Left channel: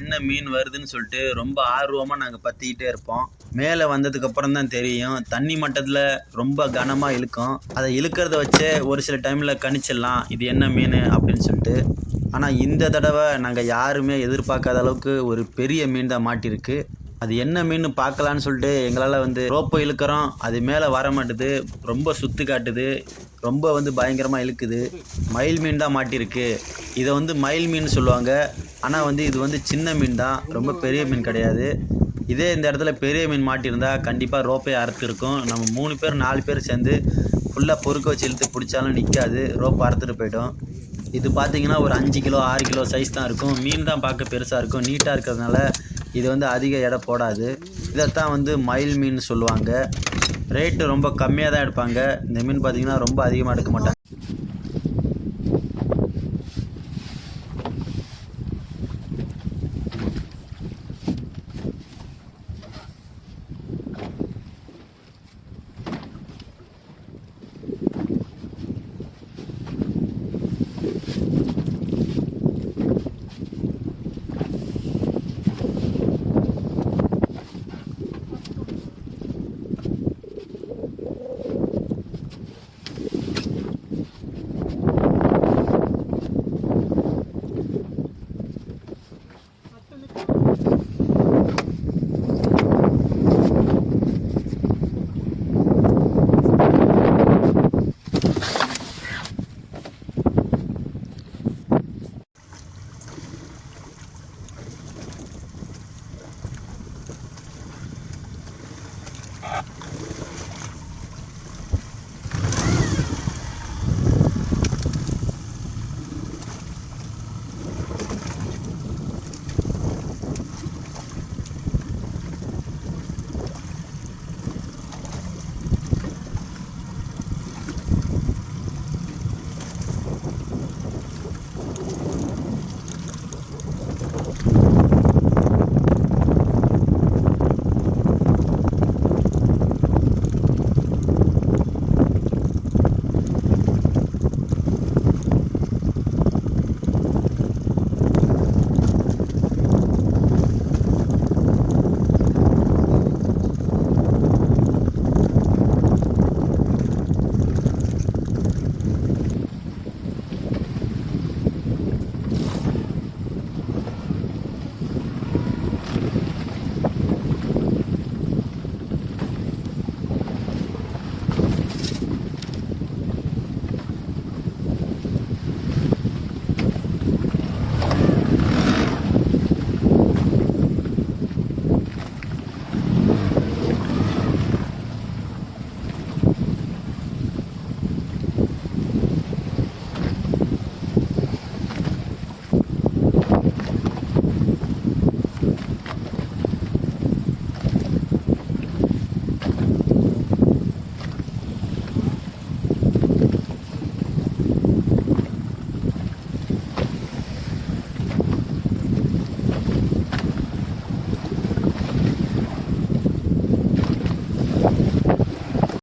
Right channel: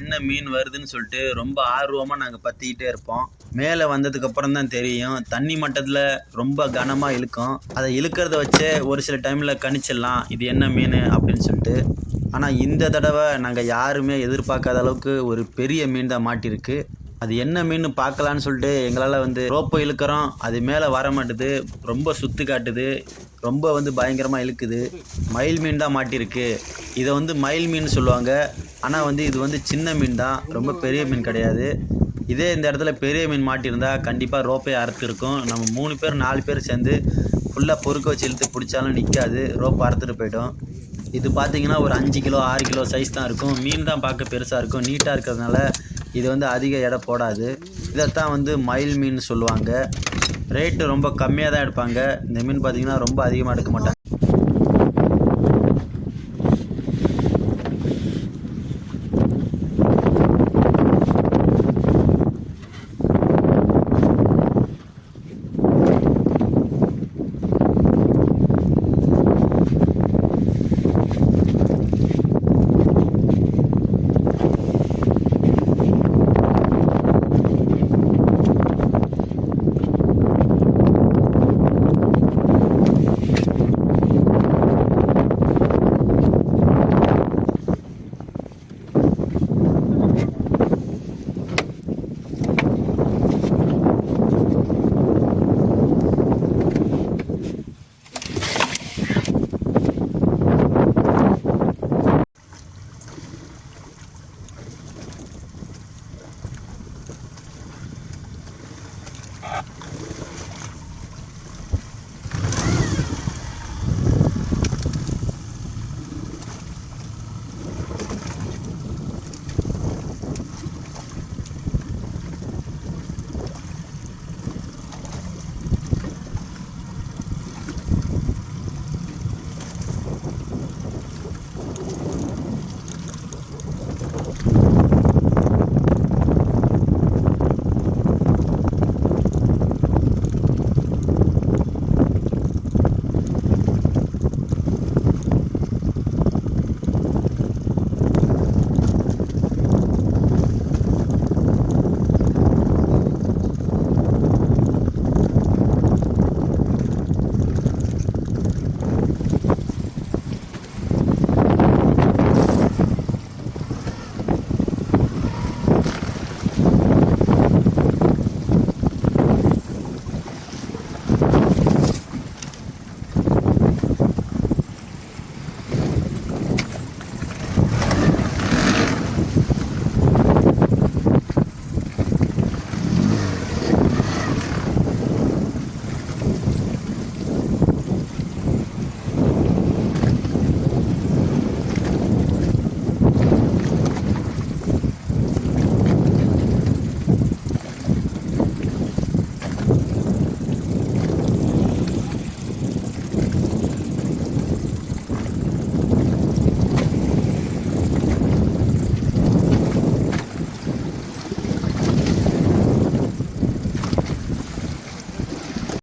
என்ன மீன் வருதுன்னு சொல்லிட்டு ரொம்ப ஆர்வமாக நாங்கள் பற்றிக்கிட்டே இருப்போம். மேலே வந்ததுக்கு அப்புறம் தான் தெரியும். தண்ணி மட்டத்தில் ரொம்ப கனமாக இழுக்கும். அதை இழுக்கிறத வச்சே ஒரு சில டைமில் கணிச்சிடலாம். இது என்ன மீன் அப்படின்னு சொல்லிட்டு. ஆனால் இந்த தடவை நாங்கள் யாருமே எதிர்பார்க்காத அளவுக்கு ஒரு பெரிய மீன் தான் மாட்டியிருக்கு அது என்ன மீன் பார்க்கலான்னு சொல்லிட்டு எங்களால் வந்து ரோப்பை இழுக்கிறோம். அது மேலே வர மாட்டுது. ரொம்ப சுத்து காட்டுது. ரொம்ப வந்து பயங்கரமாக இழுக்குது. மயில் மீன் தான் மாட்டியிருக்கு இதை வந்து மயில் மீன் சொல்லுவாங்க. ஆனால் வந்து இது வந்து சின்ன மீன் தான். ரொம்ப பெரிய மீன் கிடையாது. இதே இந்த இடத்துல பெரிய மீன் மாட்டியிருந்தா கண்டிப்பாக ரோப்பே அறுத்துருக்கும் நம்ம மூணு பேர் நாலு பேர் சேர்ந்து ஃபுல்லாக பொறுக்க வச்சு இழுத்து பிடிச்சாலும் நிற்காது ரோப்பை அறுத்துட்டு போயிடும். இது பார்த்தீங்கன்னா ஒரு அஞ்சு கிலோ ஆறு கிலோ சைஸ் தான் இருக்கும். மீன் தான் பார்க்க பெருசாக இருக்கும். நீட்டாக இருக்கிறதுனால இது வந்து அதிக எடை போடாது. இதைத்தான் வந்து மயில் மீன் சொல்லுவாங்க. ரேட்டு ரொம்ப கம்மியாக தான் எடுப்பாங்க. இந்த மீன் பார்த்தீங்கன்னா ரொம்ப அதிகமாக எடுக்க மாட்டாங்க.